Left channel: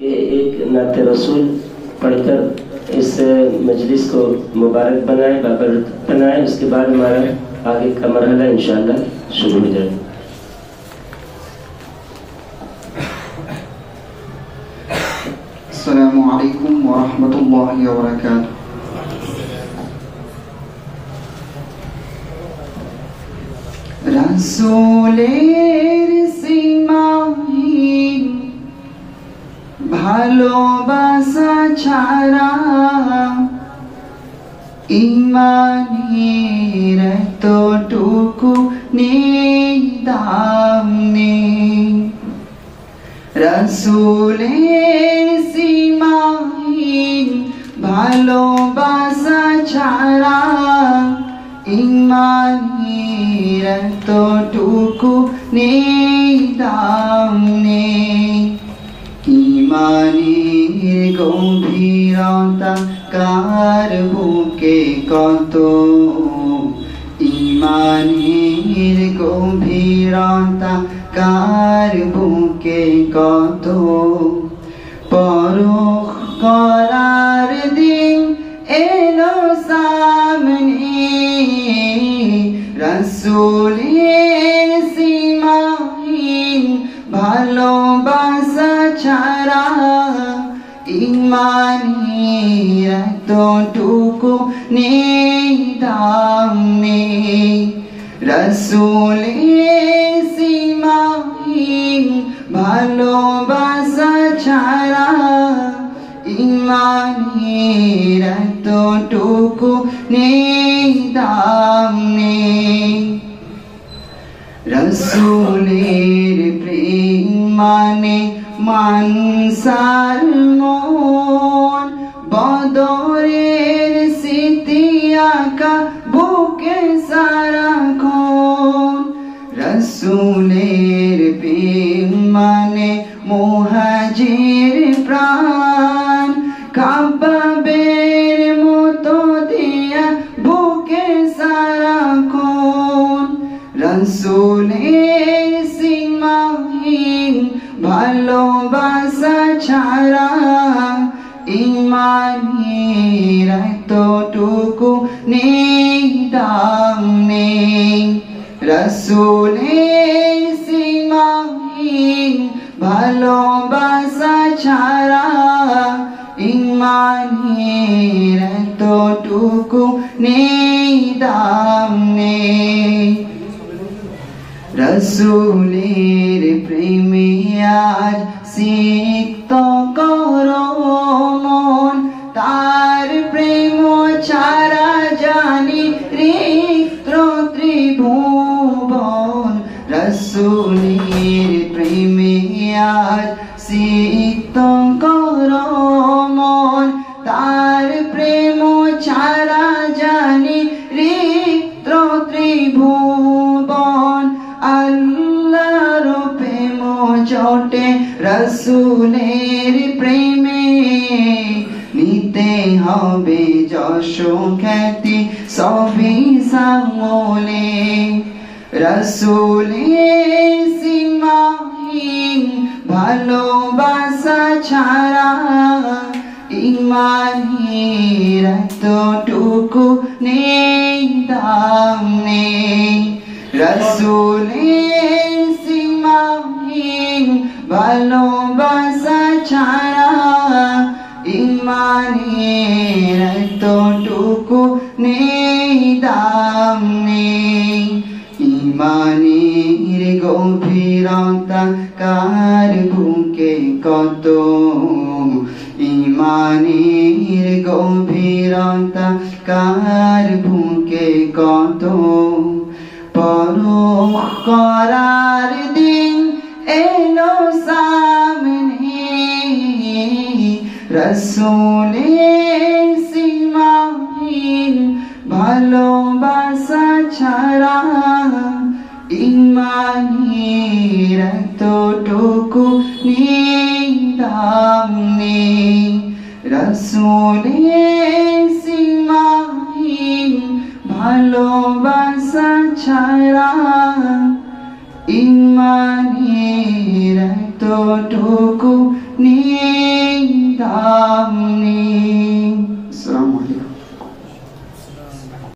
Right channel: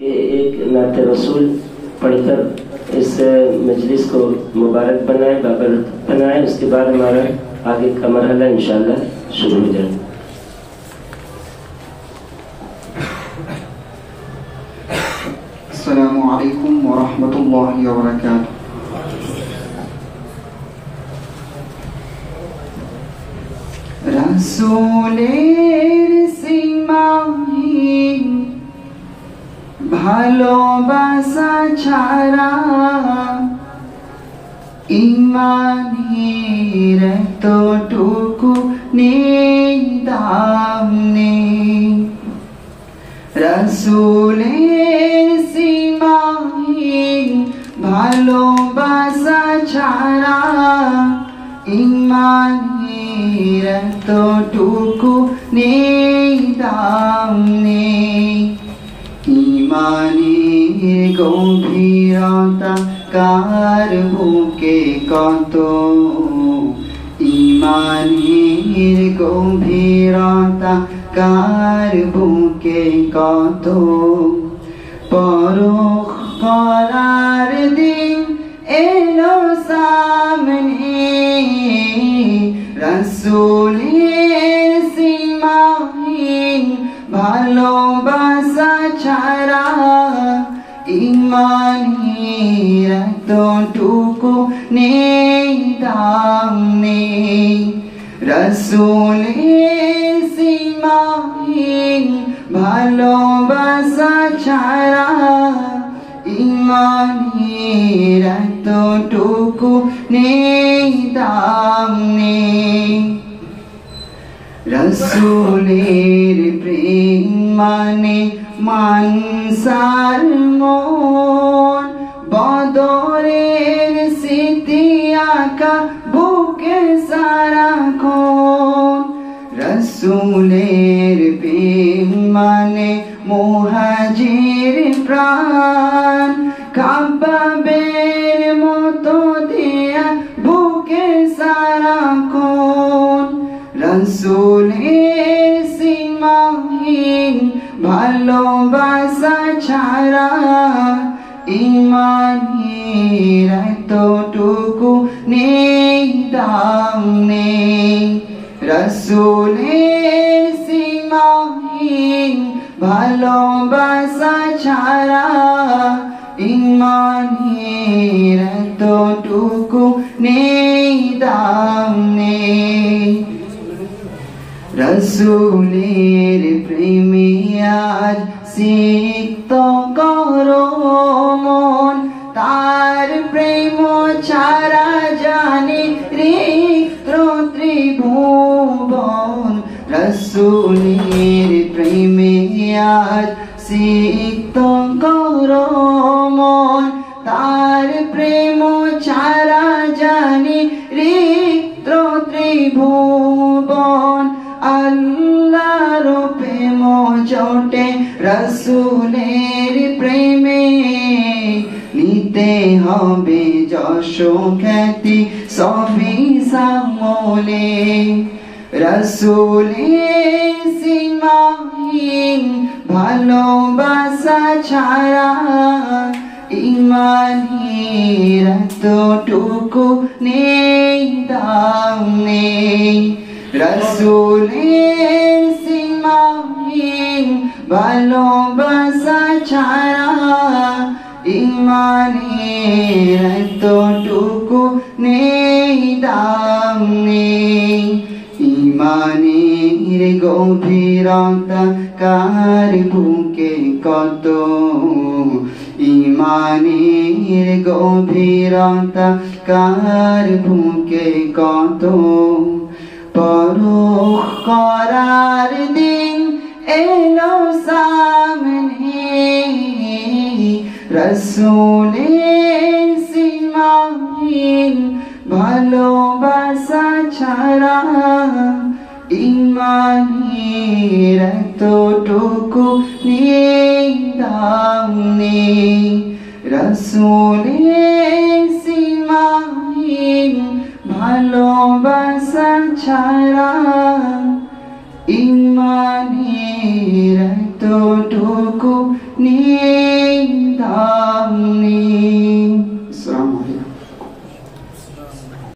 कि एक नात रसूल पढ़कर इस मजलिस को मुबारक बनाए, बाबरकत बनाए। उसके बाद हमारा आगे का मरहला इंशाअल्लाह शुरू हो जाएगा। अस्सलामु अलैकुम व रहमतुल्लाहि व बरकातुहू। রাসূলের সীমাহীন ভালোবাসা ছাড়া ঈমানের এতটুকু নেই দাম নেই। রাসূলের সীমাহীন ভালোবাসা ছাড়া ঈমানের এতটুকু নেই দাম নেই। ঈমানের গভীরতা কার বুকে কত, ঈমানের গভীরতা কার বুকে কত। পরখ করার দিন এলো সামনে, রাসূলের সীমাহীন ভালোবাসা ছাড়া ঈমানের এতটুকু নেই দাম নেই। রাসূলের সীমাহীন ভালোবাসা ছাড়া ঈমানের এতটুকু নেই দাম নেই। রাসূলের প্রেম মানে মানসার মন, বদরের স্মৃতি আঁকা বুকে সারাক্ষণ। রাসূলের প্রেম মানে মুহাজির প্রাণ, কাবাবের মতো দিয়া বুকে সারাক্ষণ। রাসূলের সীমাহীন ভালোবাসা ছাড়া ঈমানের এতটুকু নেই দাম নেই। রাসূলের সীমাহীন ভালোবাসা ছাড়া ঈমানের এতটুকু নেই দাম নেই। রাসূলের প্রেমে আজ সিক্ত করো মন, তার প্রেম ছাড়া জানি রিক্ত ত্রিভুবন। রাসূলের প্রেমে আজ সিক্ত করো মন, তার প্রেম ছাড়া জানি রিক্ত ত্রিভুবন। আল্লাহর প্রেম জোটে রাসূলের প্রেমে, নিতে হবে যশ খ্যাতি সবই সামলে। রাসূলের সীমাহীন ভালোবাসা ছাড়া ঈমানের এতটুকু নেই দাম নেই। রাসূলের সীমাহীন ভালোবাসা ছাড়া ঈমানের এতটুকু নেই দাম নেই। ঈমানের গভীরতা কার বুকে কত, ঈমানের গভীরতা কার বুকে কত। পরখ করার দিন এলো সামনে, রাসূলের সীমাহীন ভালোবাসা ছাড়া ঈমানের এতটুকু নেই দাম নেই। রাসূলের সীমাহীন ভালোবাসা ছাড়া ঈমানের এতটুকু নেই।